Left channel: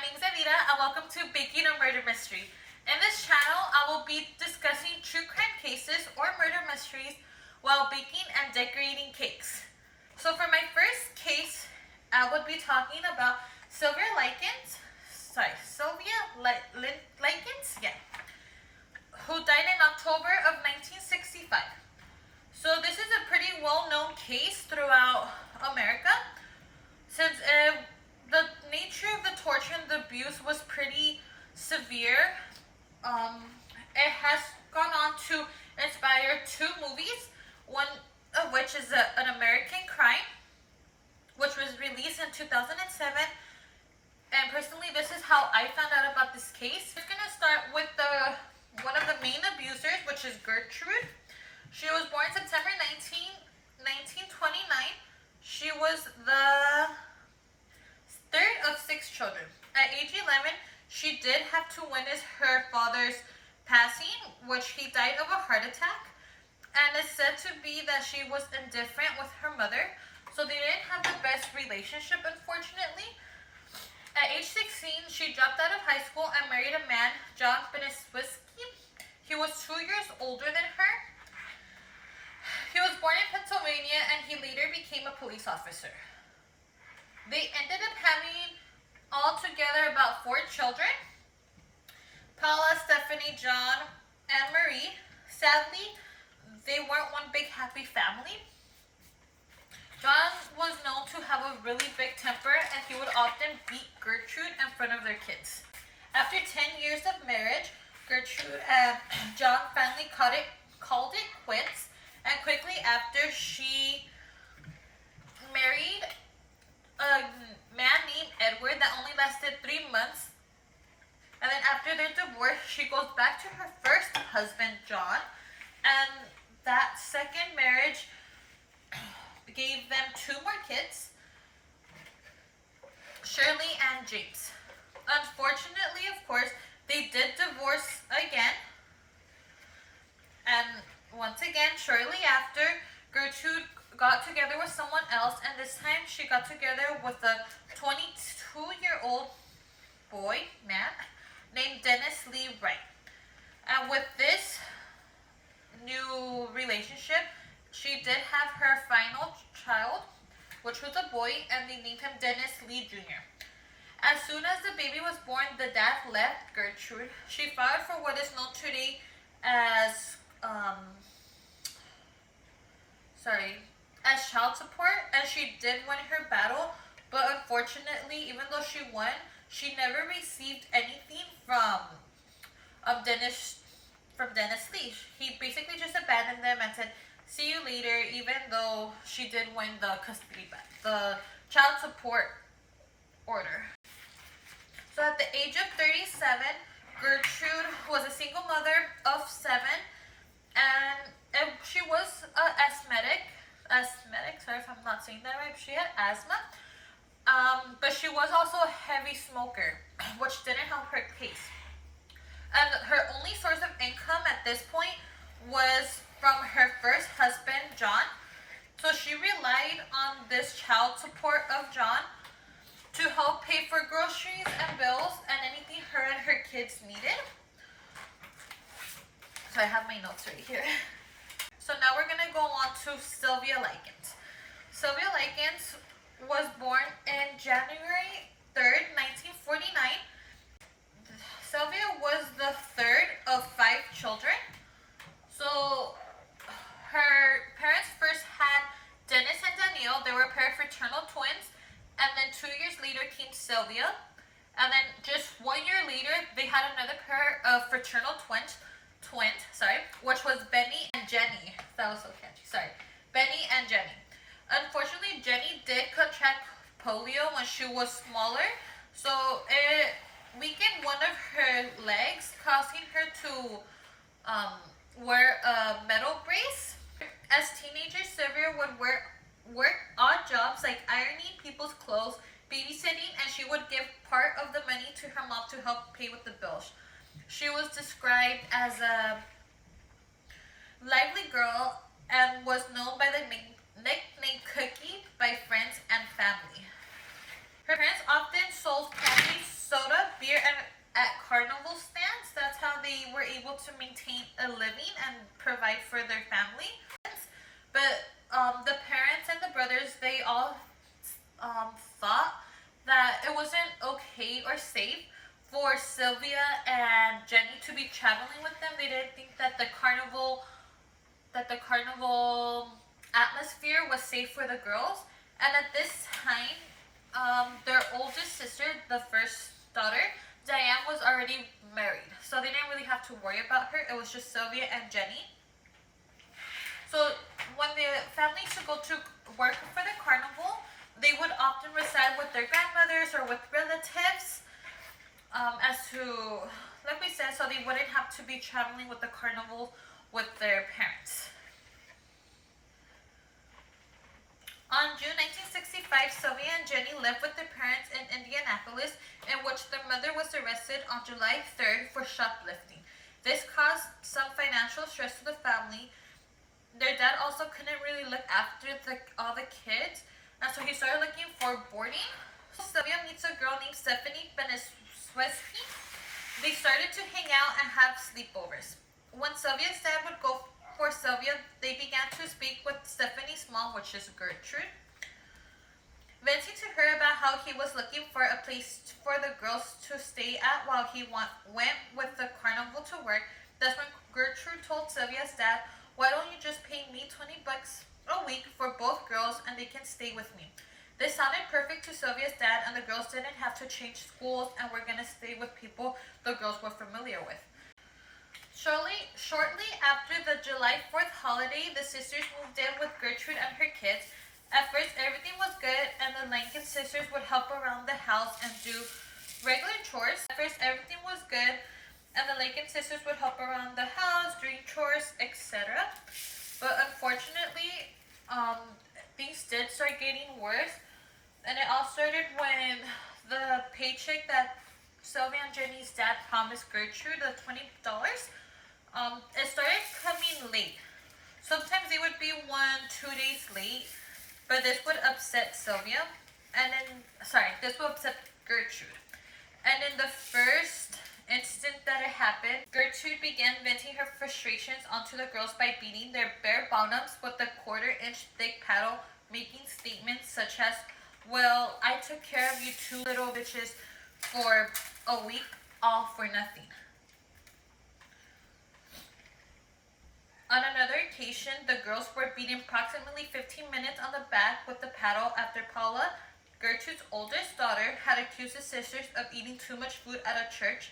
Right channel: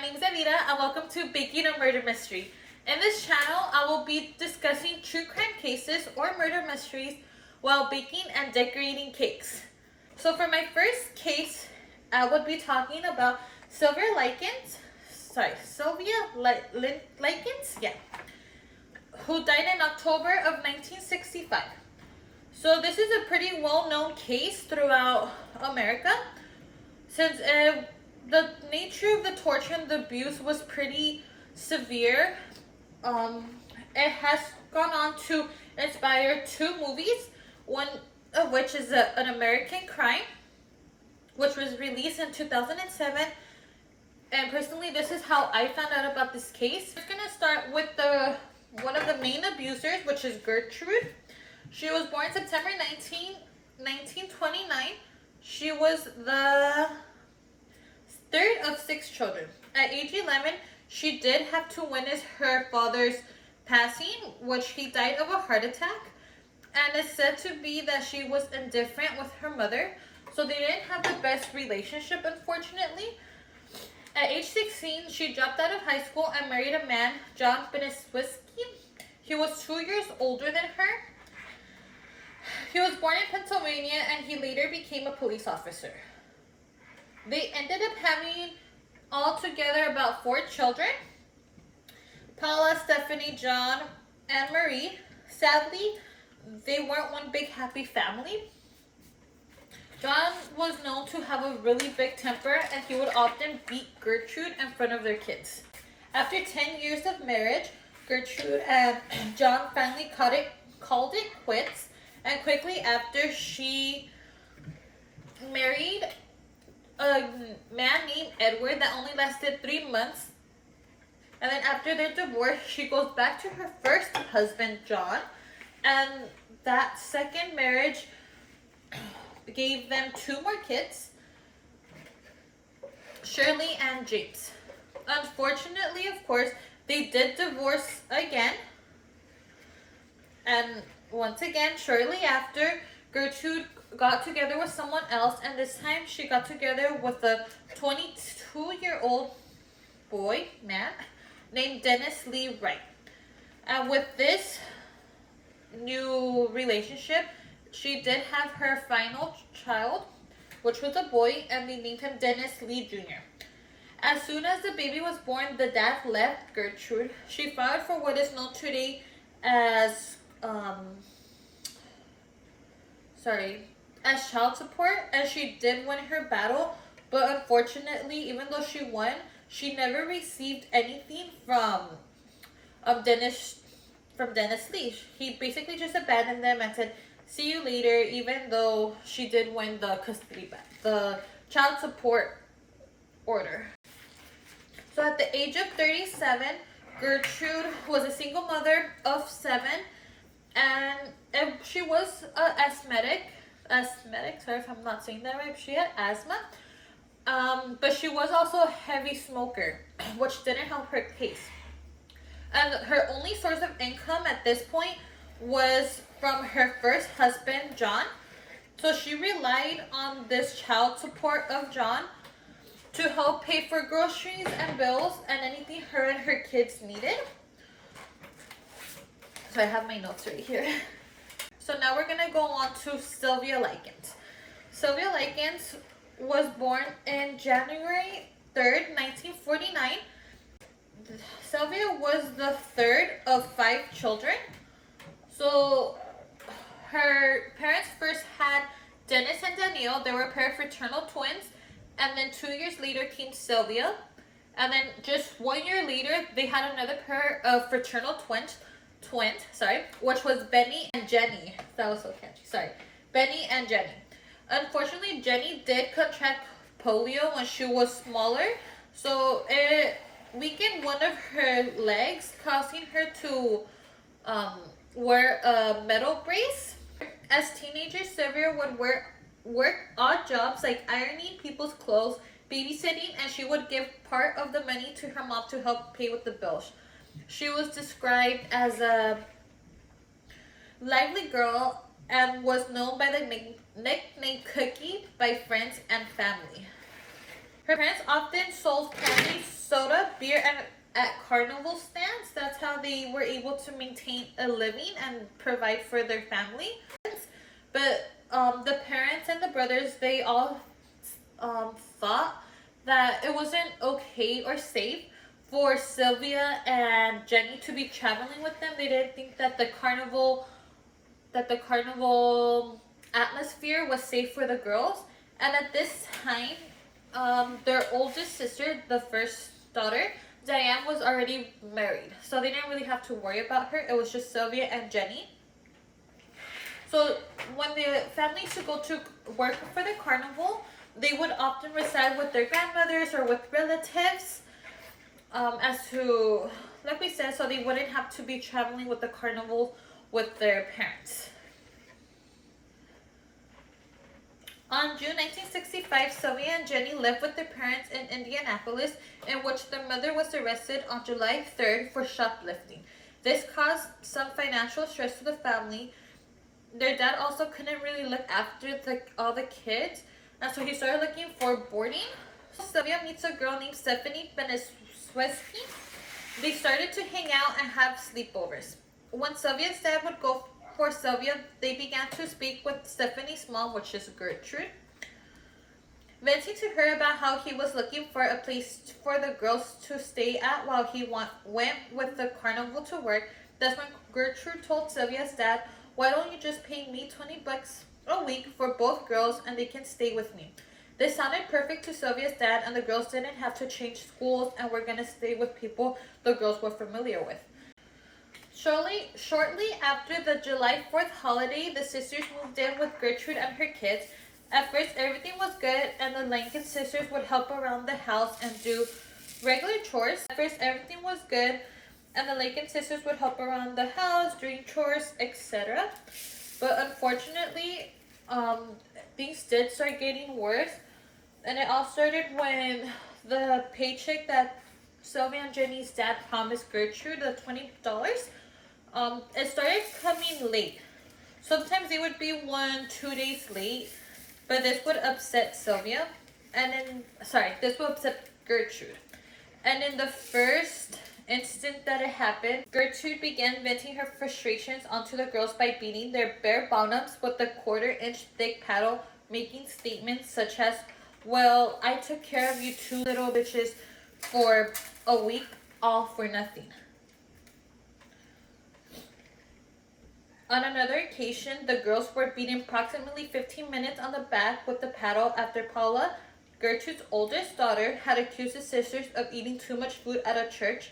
my name is Anita and welcome to Baking a Murder Mystery. In this channel, I will be discussing true crime cases or murder mysteries while baking and decorating cakes. So for my first case, I would be talking about Sylvia Likens, who died in October of 1965. So this is a pretty well-known case throughout America, since the nature of the torture and the abuse was pretty severe. It has gone on to inspire two movies, one of which is An American Crime, which was released in 2007. And personally, this is how I found out about this case. I'm going to start with one of the main abusers, which is Gertrude. She was born September 1929. She was the third of 6 children. At age 11, she did have to witness her father's passing, which he died of a heart attack. And it's said to be that she was indifferent with her mother, so they didn't have the best relationship, unfortunately. At age 16, she dropped out of high school and married a man, John Beneswisky. He was 2 years older than her. He was born in Pennsylvania and he later became a police officer. They ended up having altogether about 4 children: Paula, Stephanie, John, and Marie. Sadly, they weren't one big happy family. John was known to have a really big temper and he would often beat Gertrude in front of their kids. After 10 years of marriage, Gertrude and John finally called it quits, and quickly after she married a man named Edward that only lasted 3 months. And then after their divorce, she goes back to her first husband, John, and that second marriage gave them 2 more kids, Shirley and James. Unfortunately, of course, they did divorce again. And once again, shortly after, Gertrude got together with someone else, and this time she got together with a 22-year-old man named Dennis Lee Wright. And with this new relationship, she did have her final child, which was a boy, and they named him Dennis Lee Jr. As soon as the baby was born, the dad left Gertrude. She filed for what is known today as child support, and she did win her battle, but unfortunately, even though she won, she never received anything from Dennis Lee. He basically just abandoned them and said, "See you later," even though she did win the child support order. So at the age of 37, Gertrude was a single mother of 7, and she was an asthmatic, sorry if I'm not saying that right, she had asthma, but she was also a heavy smoker, which didn't help her case. And her only source of income at this point was from her first husband, John. So she relied on this child support of John to help pay for groceries and bills and anything her and her kids needed. So I have my notes right here. So now we're going to go on to Sylvia Likens. Sylvia Likens was born in January 3rd, 1949. Sylvia was the third of 5 children. So her parents first had Dennis and Danielle. They were a pair of fraternal twins. And then 2 years later came Sylvia. And then just 1 year later, they had another pair of fraternal twins, which was Benny and Jenny. That was so catchy. Benny and Jenny. Unfortunately, Jenny did contract polio when she was smaller. So it weakened one of her legs, causing her to wear a metal brace. As teenagers, Sylvia would work odd jobs like ironing people's clothes, babysitting, and she would give part of the money to her mom to help pay with the bills. She was described as a lively girl and was known by the nickname Cookie by friends and family. Her parents often sold candy, soda, beer, and at carnival stands. That's how they were able to maintain a living and provide for their family. But the parents and the brothers, they all thought that it wasn't okay or safe for Sylvia and Jenny to be traveling with them. They didn't think that the carnival atmosphere was safe for the girls. And at this time, their oldest sister, the first daughter, Diane, was already married, so they didn't really have to worry about her. It was just Sylvia and Jenny. So when the family used to go to work for the carnival, they would often reside with their grandmothers or with relatives, as to, like we said, so they wouldn't have to be traveling with the carnival with their parents. On June 1965, Sylvia and Jenny lived with their parents in Indianapolis, in which their mother was arrested on July 3rd for shoplifting. This caused some financial stress to the family. Their dad also couldn't really look after all the kids, and so he started looking for boarding. Sylvia meets a girl named Stephanie Benesweski. They started to hang out and have sleepovers. When Sylvia's dad would go for Sylvia, they began to speak with Stephanie's mom, which is Gertrude, venting to her about how he was looking for a place for the girls to stay at while he went with the carnival to work. That's when Gertrude told Sylvia's dad, "Why don't you just pay me $20 a week for both girls and they can stay with me?" This sounded perfect to Sylvia's dad, and the girls didn't have to change schools and were going to stay with people the girls were familiar with. Shortly after the July 4th holiday, the sisters moved in with Gertrude and her kids. At first, everything was good, and the Likens sisters would help around the house and do regular chores. At first, everything was good, and the Likens sisters would help around the house, doing chores, etc. But unfortunately, things did start getting worse, and it all started when the paycheck that Sylvia and Jenny's dad promised Gertrude, the $20, it started coming late. Sometimes they would be 1-2 days late, but this would upset Sylvia, this would upset Gertrude. And in the first instant that it happened, Gertrude began venting her frustrations onto the girls by beating their bare bottoms with a 1/4-inch thick paddle, making statements such as, "Well, I took care of you two little bitches for a week, all for nothing." On another occasion, the girls were beaten approximately 15 minutes on the back with the paddle after Paula, Gertrude's oldest daughter, had accused the sisters of eating too much food at a church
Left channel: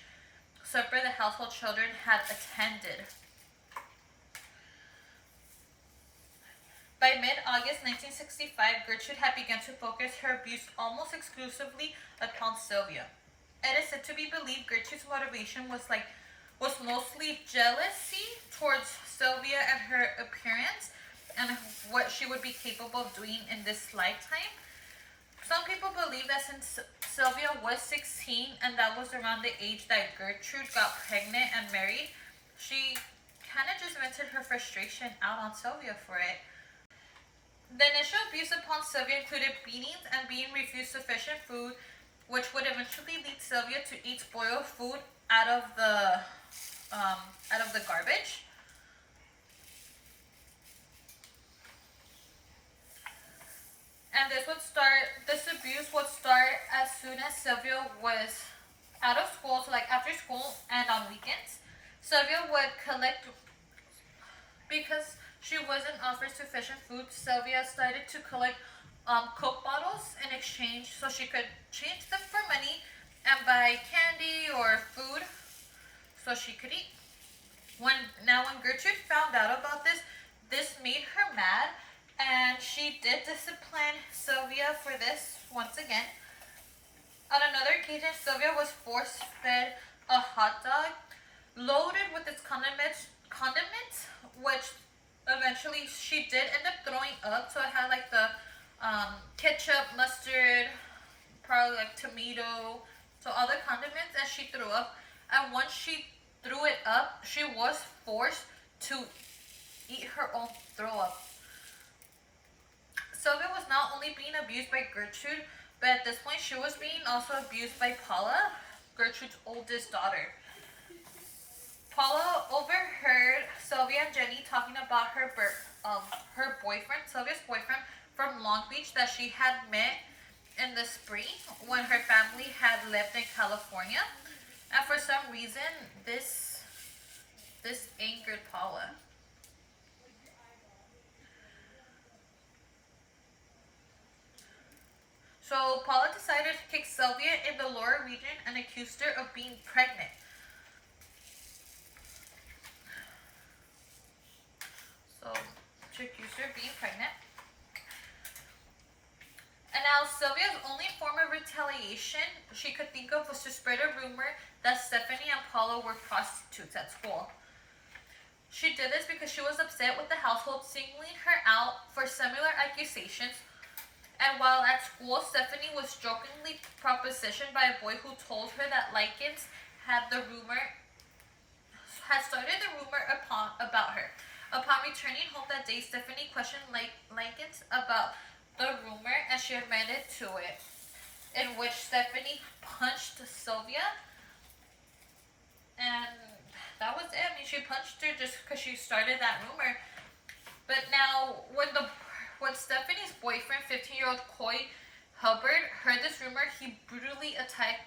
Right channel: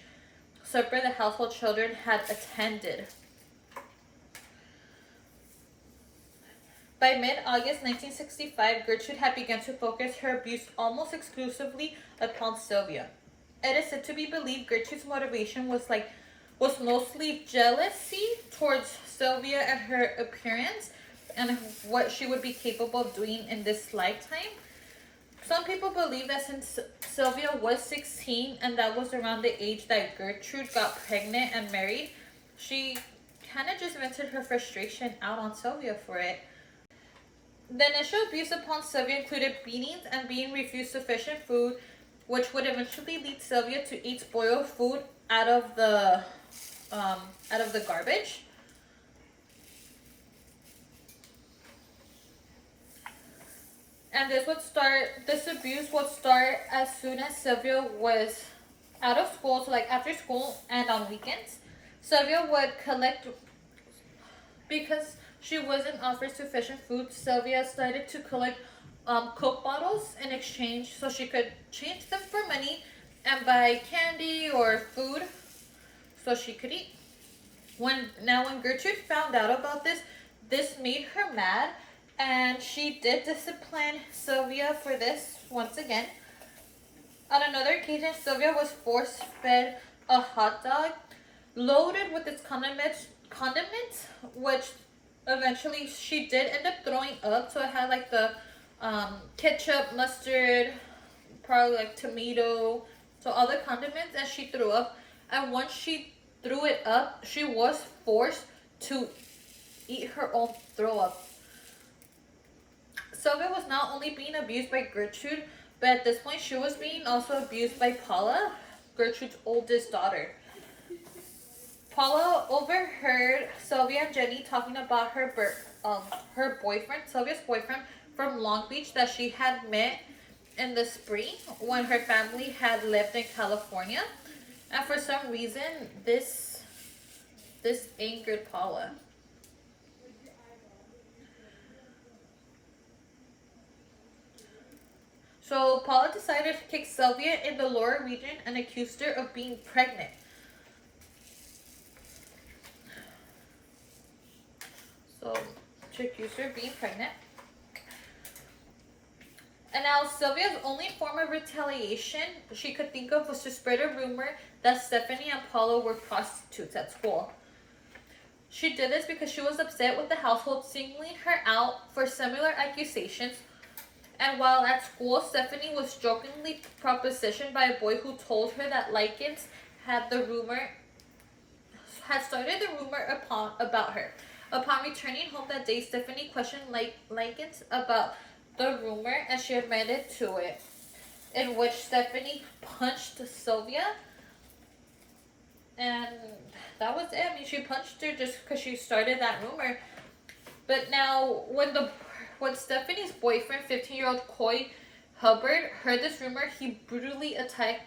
supper the household children had attended. By mid-August 1965, Gertrude had begun to focus her abuse almost exclusively upon Sylvia. It is said to be believed Gertrude's motivation was mostly jealousy towards Sylvia and her appearance and what she would be capable of doing in this lifetime. Some people believe that since Sylvia was 16 and that was around the age that Gertrude got pregnant and married, she kind of just vented her frustration out on Sylvia for it. The initial abuse upon Sylvia included beatings and being refused sufficient food, which would eventually lead Sylvia to eat spoiled food out of the garbage. And this abuse would start as soon as Sylvia was out of school, so like after school and on weekends. Sylvia would collect, because she wasn't offered sufficient food, Sylvia started to collect Coke bottles in exchange so she could change them for money and buy candy or food so she could eat. When Gertrude found out about this made her mad, and she did discipline Sylvia for this once again. On another occasion, Sylvia was force-fed a hot dog loaded with its condiments, which eventually she did end up throwing up. So it had like the ketchup, mustard, probably like tomato, so all the condiments, and she threw up. And once she threw it up, she was forced to eat her own throw up. Sylvia was not only being abused by Gertrude, But at this point, she was being also abused by Paula, Gertrude's oldest daughter. Paula overheard Sylvia and Jenny talking about her boyfriend, Sylvia's boyfriend from Long Beach that she had met in the spring when her family had lived in California. And for some reason, this angered Paula. So Paula decided to kick Sylvia in the lower region and accused her of being pregnant. So she accused her of being pregnant. And now Sylvia's only form of retaliation she could think of was to spread a rumor that Stephanie and Paula were prostitutes at school. She did this because she was upset with the household singling her out for similar accusations. And while at school, Stephanie was jokingly propositioned by a boy who told her that Likens had started the rumor about her. Upon returning home that day, Stephanie questioned Likens about the rumor, and she admitted to it, in which Stephanie punched Sylvia. And that was it. I mean, she punched her just because she started that rumor. But now, when Stephanie's boyfriend, 15-year-old Coy Hubbard, heard this rumor, he brutally attacked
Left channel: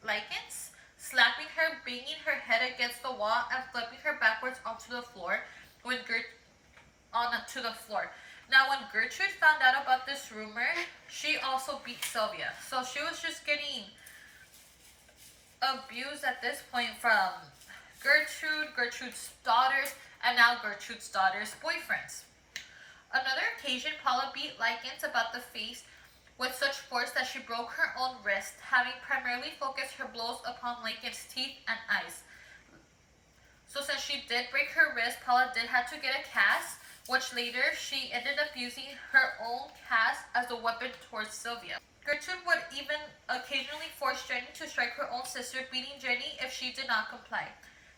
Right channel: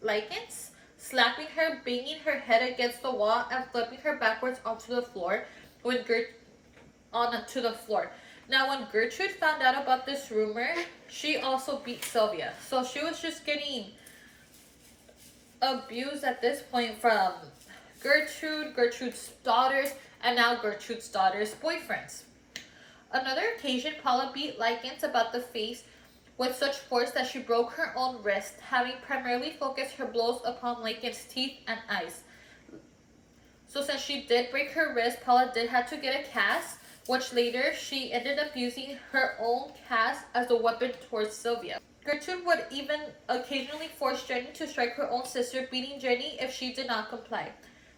Likens, slapping her, banging her head against the wall, and flipping her backwards onto the floor. Now, when Gertrude found out about this rumor, she also beat Sylvia. So she was just getting abused at this point from Gertrude's daughters, and now Gertrude's daughters' boyfriends. Another occasion, Paula beat Likens about the face with such force that she broke her own wrist, having primarily focused her blows upon Likens' teeth and eyes. So since she did break her wrist, Paula did have to get a cast, which later she ended up using her own cast as a weapon towards Sylvia. Gertrude would even occasionally force Jenny to strike her own sister, beating Jenny if she did not comply.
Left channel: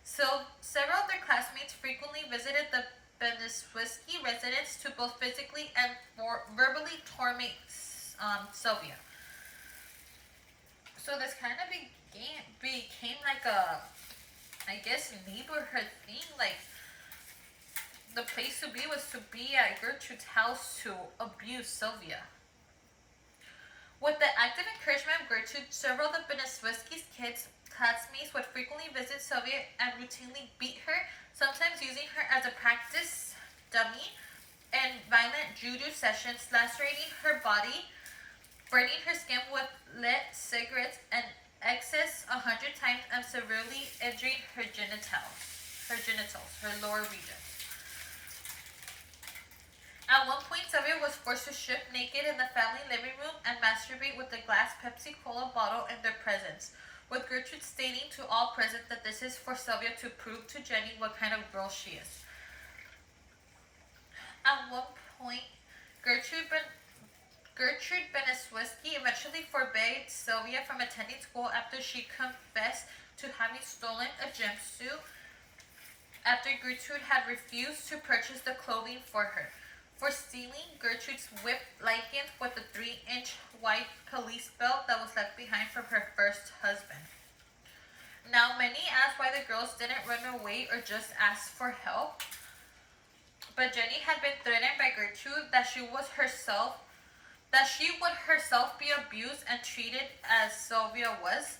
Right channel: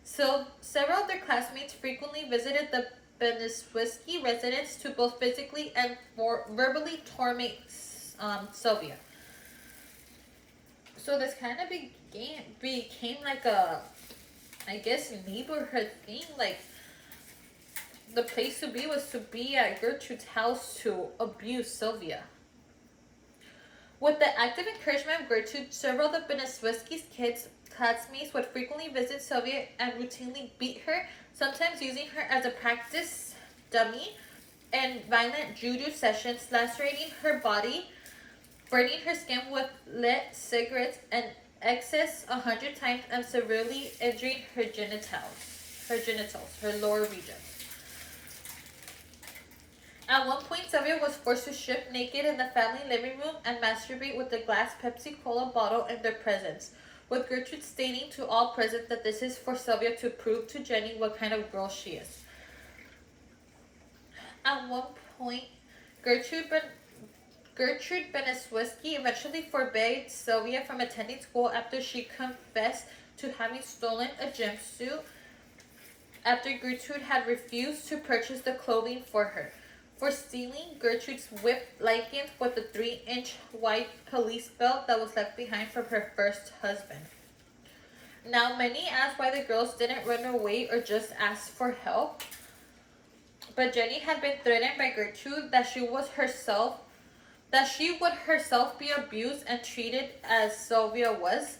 So several of their classmates frequently visited the Beneswiski residence to both physically and verbally torment Sylvia. So this kind of became like a, I guess, neighborhood thing. Like, the place to be was to be at Gertrude's house to abuse Sylvia. With the active encouragement of Gertrude, several of the Beneswiski's kids' classmates would frequently visit Sylvia and routinely beat her, sometimes using her as a practice dummy in violent judo sessions, lacerating her body, burning her skin with lit cigarettes and excess 100 times, and severely injuring her lower regions. At one point, Sylvia was forced to strip naked in the family living room and masturbate with a glass Pepsi Cola bottle in their presence, with Gertrude stating to all present that this is for Sylvia to prove to Jenny what kind of girl she is. At one point, Gertrude Beneswiski eventually forbade Sylvia from attending school after she confessed to having stolen a jumpsuit after Gertrude had refused to purchase the clothing for her. For stealing, Gertrude whipped Likens with a 3-inch white police belt that was left behind from her first husband. Now, many asked why the girls didn't run away or just ask for help. But Jenny had been threatened by Gertrude that she would herself be abused and treated as Sylvia was,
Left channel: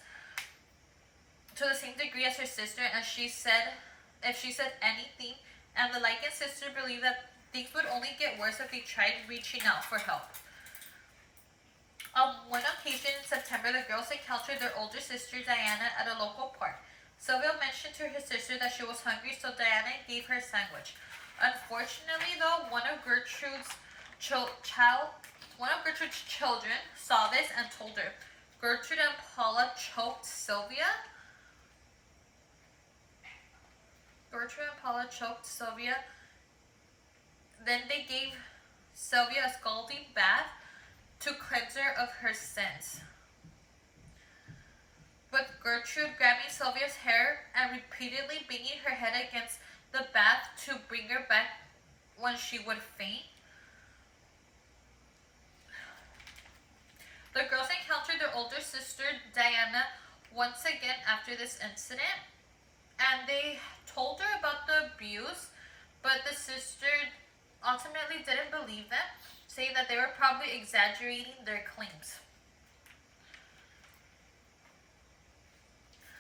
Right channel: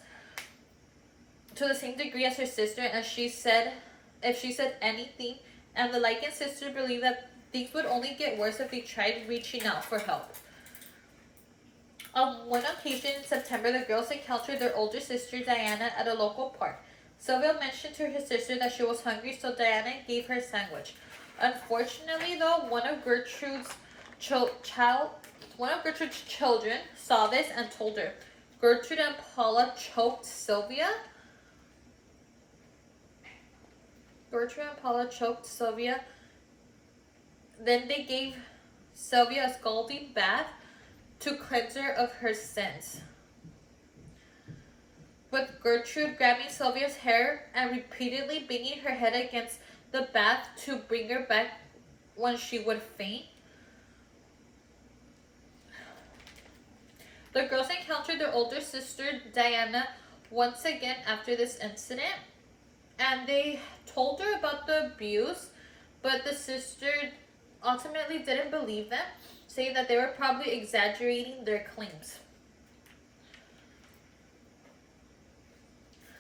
to the same degree as her sister, and if she said anything, and the Likens sister believed that things would only get worse if they tried reaching out for help. On one occasion in September, the girls encountered their older sister Diana at a local park. Sylvia mentioned to her sister that she was hungry, so Diana gave her a sandwich. Unfortunately, though, one of Gertrude's children saw this and told her. Gertrude and Paula choked Sylvia. Then they gave Sylvia a scalding bath to cleanse her of her sins, with Gertrude grabbing Sylvia's hair and repeatedly banging her head against the bath to bring her back when she would faint. The girls encountered their older sister Diana once again after this incident, and they told her about the abuse, but the sister ultimately didn't believe them, saying that they were probably exaggerating their claims.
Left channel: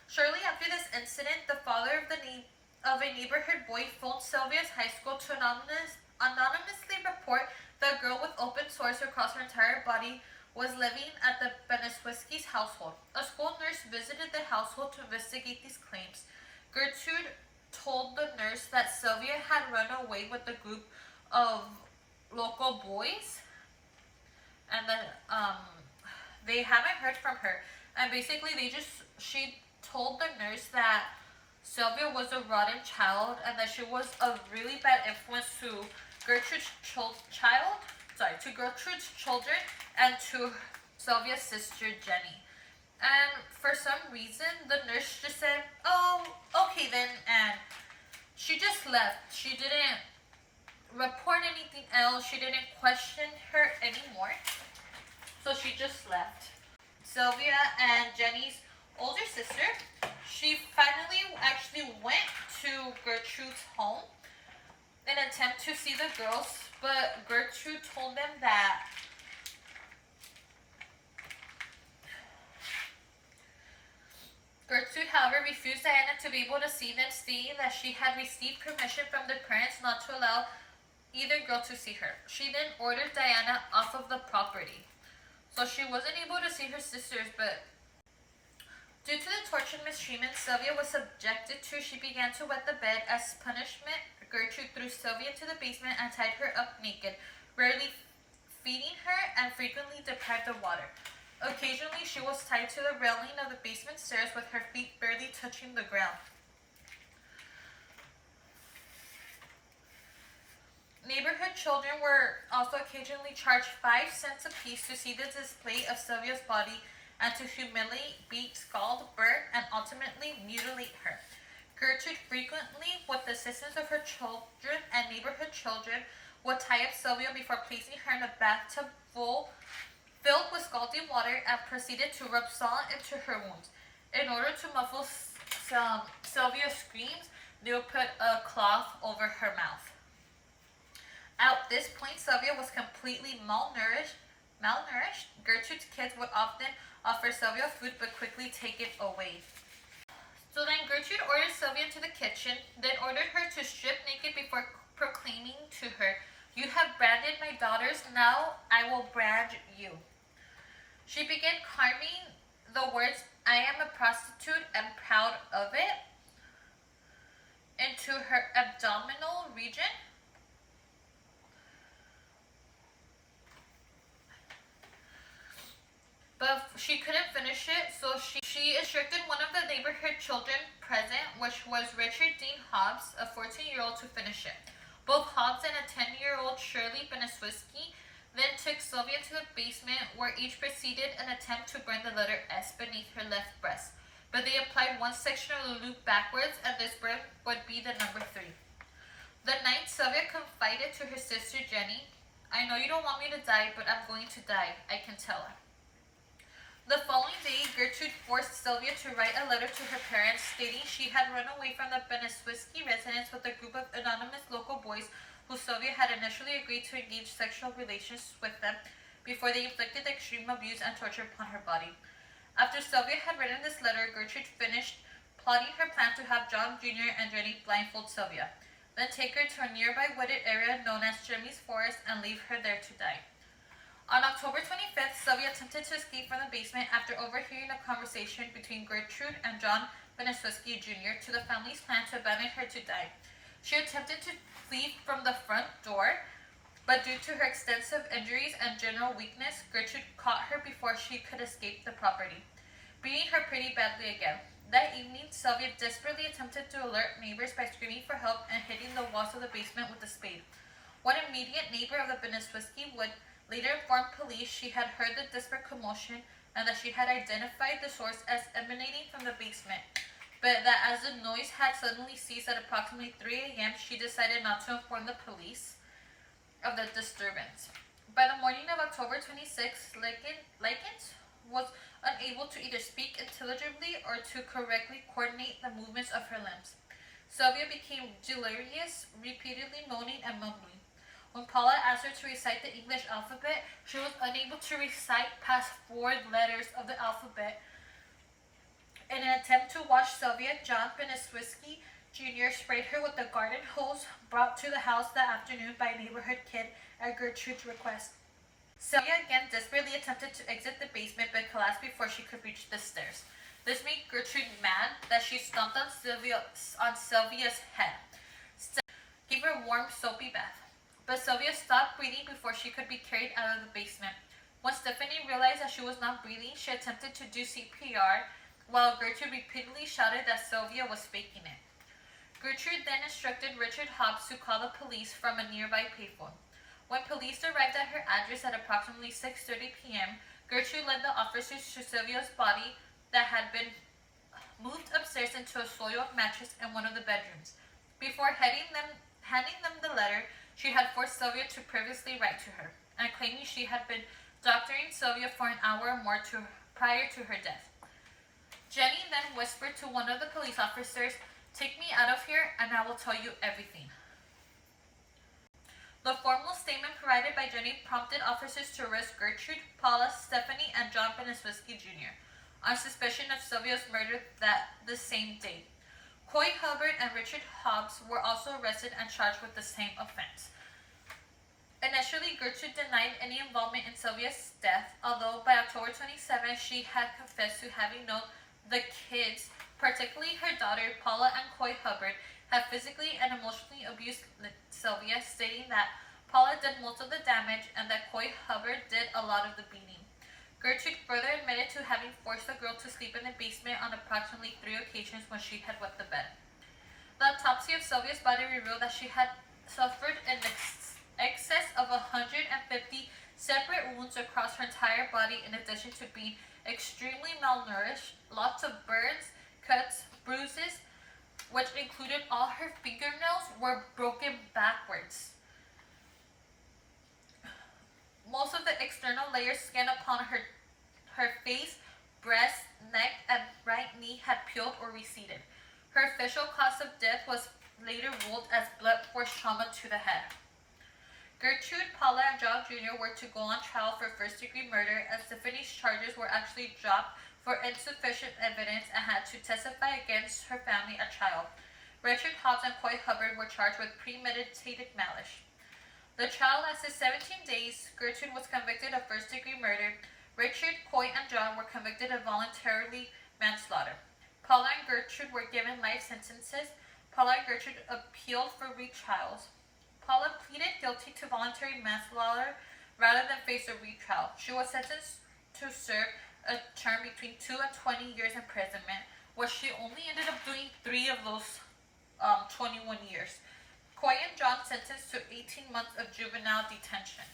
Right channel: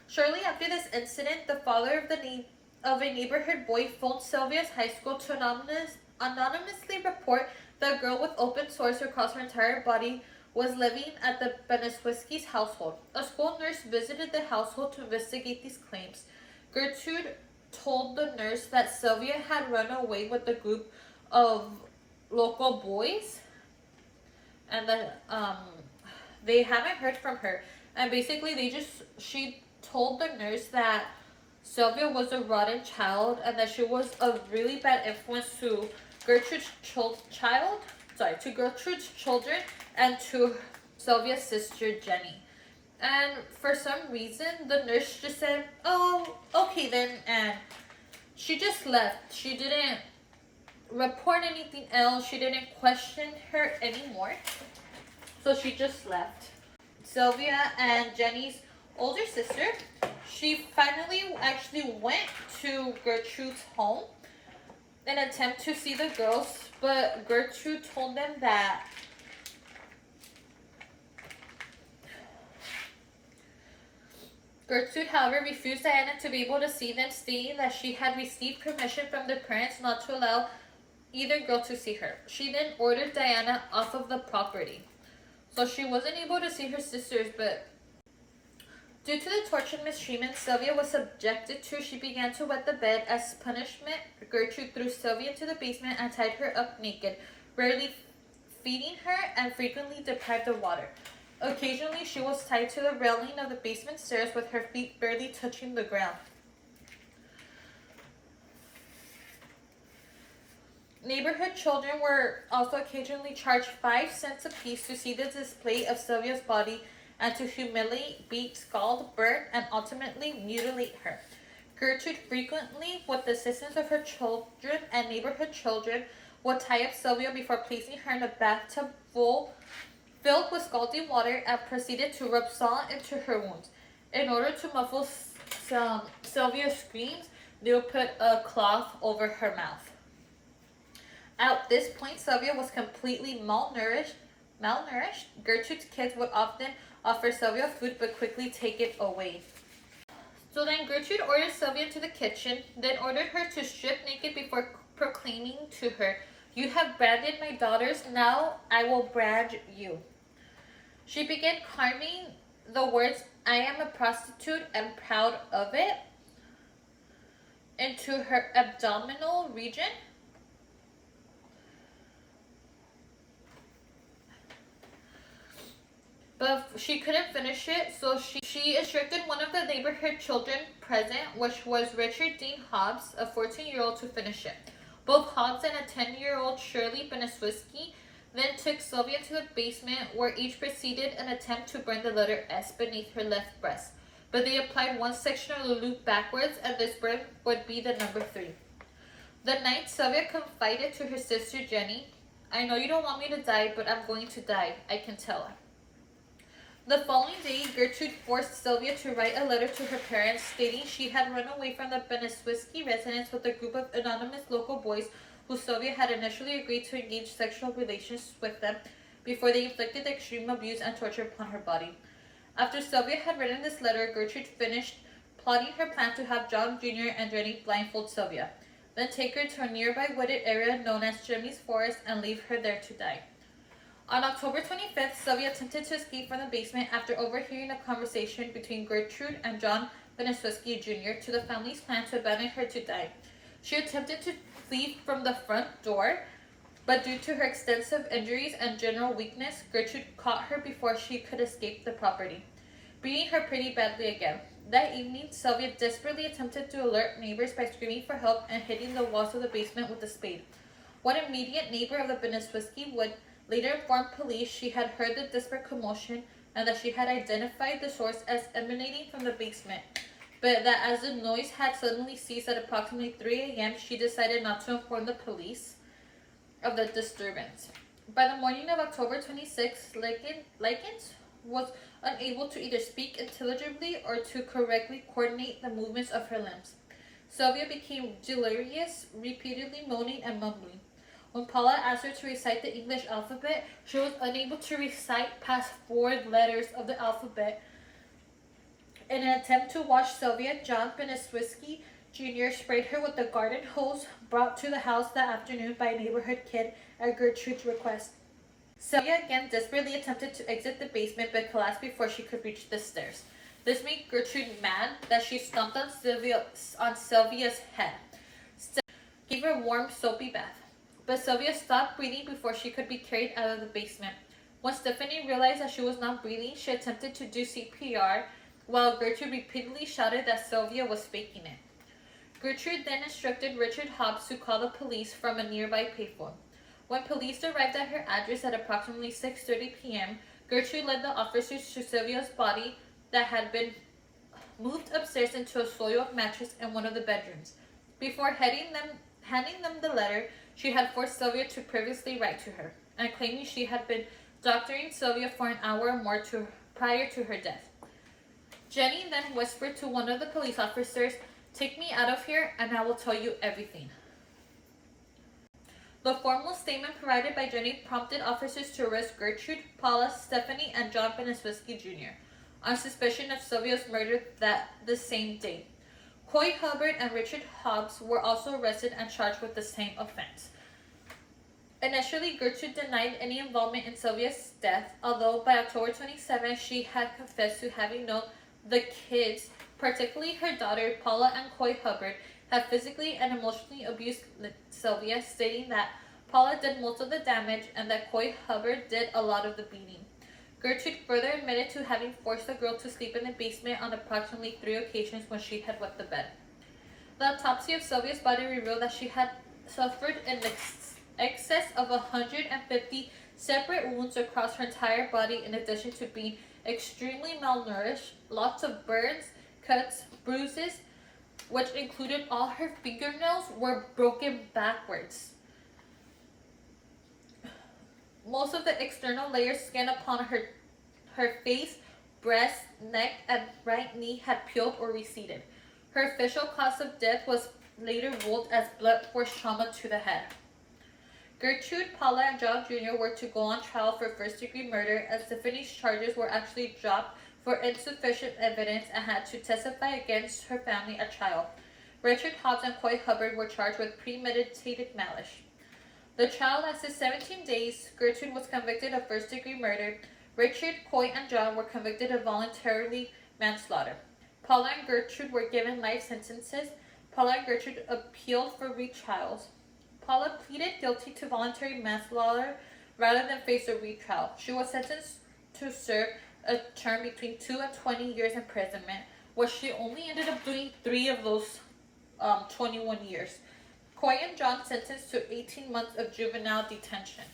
Shortly after this incident, the father of a neighborhood boy phoned Sylvia's high school to anonymously report that a girl with open sores across her entire body was living at the Beneswiski's household. A school nurse visited the household to investigate these claims. Gertrude told the nurse that Sylvia had run away with a group of local boys, and that they haven't heard from her. And basically, she told the nurse that Sylvia was a rotten child and that she was a really bad influence to Gertrude's children and to Sylvia's sister Jenny. And for some reason, the nurse just said, "Oh, okay then," and she just left. She didn't report anything else. She didn't question her anymore. So she just left. Sylvia and Jenny's older sister, she finally actually went to Gertrude's home in an attempt to see the girls, but Gertrude told them that Gertrude, however, refused Diana to be able to see them, stating that she had received permission from their parents not to allow either girl to see her. She then ordered Diana off of the property. So she wasn't able to see her sisters, but due to the torture and mistreatment Sylvia was subjected to, she began to wet the bed. As punishment, Gertrude threw Sylvia to the basement and tied her up naked, rarely feeding her and frequently deprived of water. Occasionally, she was tied to the railing of the basement stairs with her feet barely touching the ground. Neighborhood children were also occasionally charged 5 cents apiece to see the display of Sylvia's body and to humiliate, beat, scald, burn, and ultimately mutilate her. Gertrude frequently, with the assistance of her children and neighborhood children, would tie up Sylvia before placing her in a bathtub filled with scalding water and proceeded to rub salt into her wounds. In order to muffle Sylvia's screams, they would put a cloth over her mouth. At this point, Sylvia was completely malnourished. Gertrude's kids would often offer Sylvia food but quickly take it away. So then Gertrude ordered Sylvia to the kitchen, then ordered her to strip naked before proclaiming to her, "You have branded my daughters, now I will brand you." She began carving the words, "I am a prostitute and proud of it," into her abdominal region. But she couldn't finish it, so she instructed one of the neighborhood children present, which was Richard Dean Hobbs, a 14-year-old, to finish it. Both Hobbs and a 10-year-old Shirley Beneswiski then took Sylvia to the basement, where each proceeded an attempt to burn the letter S beneath her left breast. But they applied one section of the loop backwards, and this burn would be the number 3. The night, Sylvia confided to her sister Jenny, "I know you don't want me to die, but I'm going to die. I can tell." The following day, Gertrude forced Sylvia to write a letter to her parents stating she had run away from the Beneswiski residence with a group of anonymous local boys who Sylvia had initially agreed to engage sexual relations with them before they inflicted extreme abuse and torture upon her body. After Sylvia had written this letter, Gertrude finished plotting her plan to have John Jr. and Jenny blindfold Sylvia, then take her to a nearby wooded area known as Jimmy's Forest and leave her there to die. On October 25th, Sylvia attempted to escape from the basement after overhearing a conversation between Gertrude and John Beneswiski Jr. to the family's plan to abandon her to die. She attempted to flee from the front door, but due to her extensive injuries and general weakness, Gertrude caught her before she could escape the property, beating her pretty badly again. That evening, Sylvia desperately attempted to alert neighbors by screaming for help and hitting the walls of the basement with a spade. One immediate neighbor of the Beneswiski would later informed police she had heard the disparate commotion and that she had identified the source as emanating from the basement, but that as the noise had suddenly ceased at approximately 3 a.m., she decided not to inform the police of the disturbance. By the morning of October 26, Likens was unable to either speak intelligibly or to correctly coordinate the movements of her limbs. Sylvia became delirious, repeatedly moaning and mumbling. When Paula asked her to recite the English alphabet, she was unable to recite past 4 letters of the alphabet. In an attempt to wash Sylvia, John Beneswisky Jr. sprayed her with a garden hose brought to the house that afternoon by a neighborhood kid at Gertrude's request. Sylvia again desperately attempted to exit the basement but collapsed before she could reach the stairs. This made Gertrude mad that she stomped on Sylvia's head. Gave her a warm, soapy bath. But Sylvia stopped breathing before she could be carried out of the basement. When Stephanie realized that she was not breathing, she attempted to do CPR, while Gertrude repeatedly shouted that Sylvia was faking it. Gertrude then instructed Richard Hobbs to call the police from a nearby payphone. When police arrived at her address at approximately 6:30 p.m., Gertrude led the officers to Sylvia's body that had been moved upstairs into a soiled mattress in one of the bedrooms. Before handing them the letter she had forced Sylvia to previously write to her, and claiming she had been doctoring Sylvia for an hour or more prior to her death. Jenny then whispered to one of the police officers, "Take me out of here and I will tell you everything." The formal statement provided by Jenny prompted officers to arrest Gertrude, Paula, Stephanie, and John Beneswisky Jr. on suspicion of Sylvia's murder the same day. Coy Hubbard and Richard Hobbs were also arrested and charged with the same offense. Initially, Gertrude denied any involvement in Sylvia's death, although by October 27, she had confessed to having known the kids, particularly her daughter Paula and Coy Hubbard, had physically and emotionally abused Sylvia, stating that Paula did most of the damage and that Coy Hubbard did a lot of the beating. Gertrude further admitted to having forced the girl to sleep in the basement on approximately 3 occasions when she had wet the bed. The autopsy of Sylvia's body revealed that she had suffered an excess of 150 separate wounds across her entire body, in addition to being extremely malnourished. Lots of burns, cuts, bruises, which included all her fingernails, were broken backwards. Most of the external layer skin upon her face, breast, neck, and right knee had peeled or receded. Her official cause of death was later ruled as blunt force trauma to the head. Gertrude, Paula, and John Jr. were to go on trial for first-degree murder, and Stephanie's charges were actually dropped for insufficient evidence and had to testify against her family at trial. Richard Hobbs and Coy Hubbard were charged with premeditated malice. The trial lasted 17 days. Gertrude was convicted of first-degree murder. Richard, Coy, and John were convicted of voluntary manslaughter. Paula and Gertrude were given life sentences. Paula and Gertrude appealed for retrials. Paula pleaded guilty to voluntary manslaughter rather than face a retrial. She was sentenced to serve a term between 2 and 20 years imprisonment, where she only ended up doing 3 of those 21 years. Coy and John sentenced to 18 months of juvenile detention.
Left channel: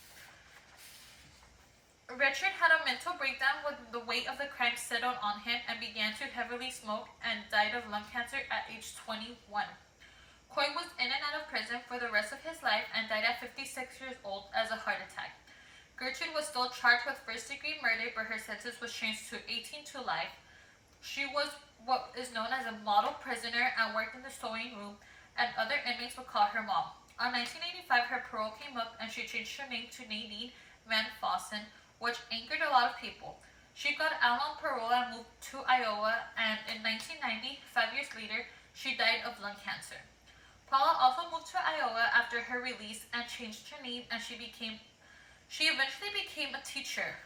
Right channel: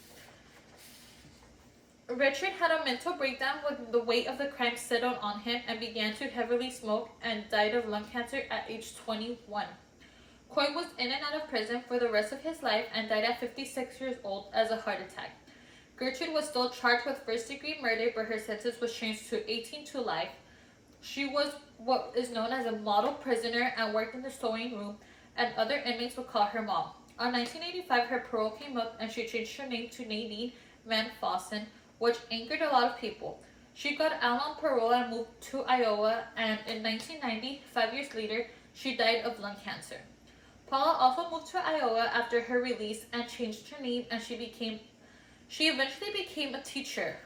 Richard had a mental breakdown when the weight of the crime settled on him and began to heavily smoke and died of lung cancer at age 21. Coy was in and out of prison for the rest of his life and died at 56 years old as a heart attack. Gertrude was still charged with first-degree murder, but her sentence was changed to 18 to life. She was what is known as a model prisoner and worked in the sewing room, and other inmates would call her Mom. In 1985, her parole came up and she changed her name to Nadine Van Fossen, which angered a lot of people. She got out on parole and moved to Iowa, and in 1990, 5 years later, she died of lung cancer. Paula also moved to Iowa after her release and changed her name, and she eventually became a teacher.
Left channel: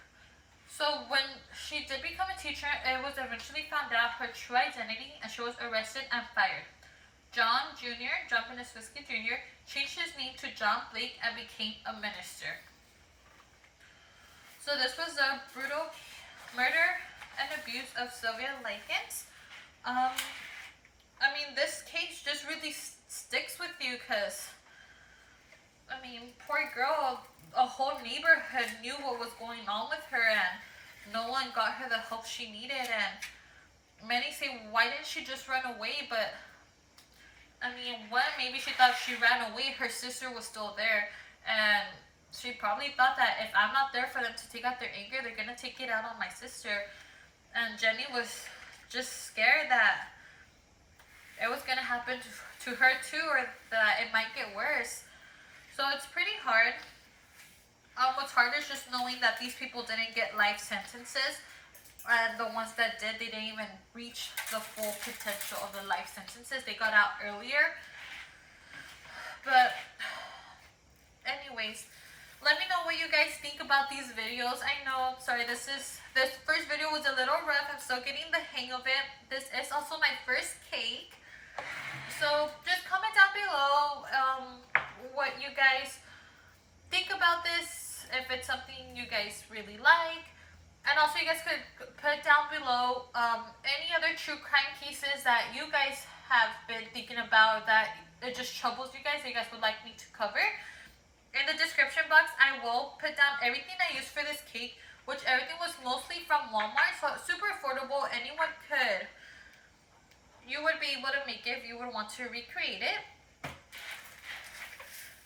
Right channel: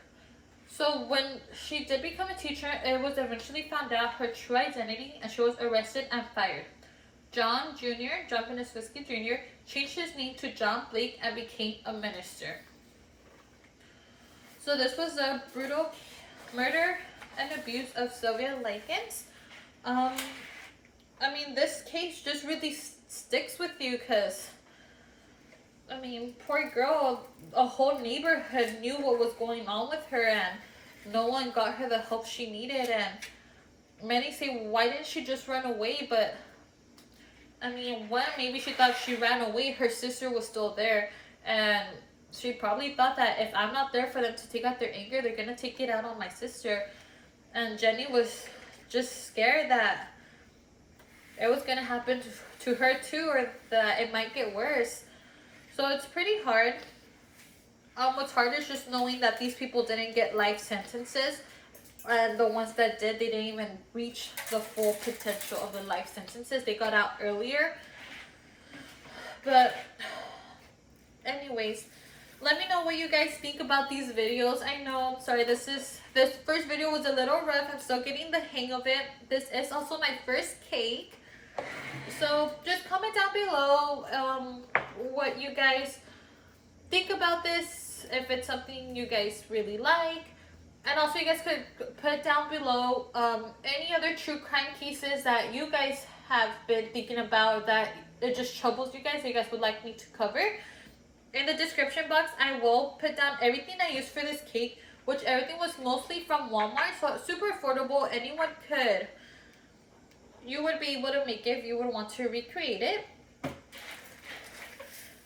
So when she did become a teacher, it was eventually found out her true identity, and she was arrested and fired. John Beneswisky Jr., changed his name to John Blake and became a minister. So this was a brutal murder and abuse of Sylvia Likens. This case just really sticks with you because, poor girl, a whole neighborhood knew what was going on with her and no one got her the help she needed. And many say, why didn't she just run away? But, maybe she thought she ran away, her sister was still there. And she probably thought that if I'm not there for them to take out their anger, they're gonna take it out on my sister. And Jenny was just scared that it was gonna happen to her too, or that it might get worse. So it's pretty hard. What's hard is just knowing that these people didn't get life sentences, and the ones that did, they didn't even reach the full potential of the life sentences. They got out earlier. But anyways, let me know what you guys think about these videos. I know, I'm sorry, this first video was a little rough. I'm still getting the hang of it. This is also my first cake. So just comment down below what you guys think about this, if it's something you guys really like. And also you guys could put down below any other true crime cases that you guys have been thinking about, that it just troubles you guys, that you guys would like me to cover. In the description box, I will put down everything I used for this cake, which everything was mostly from Walmart, so it's super affordable. Anyone could, you would be able to make it if you would want to recreate it.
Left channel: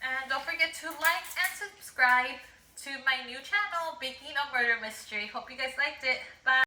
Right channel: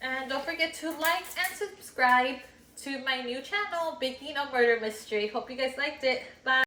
And don't forget to like and subscribe to my new channel, Baking a Murder Mystery. Hope you guys liked it. Bye.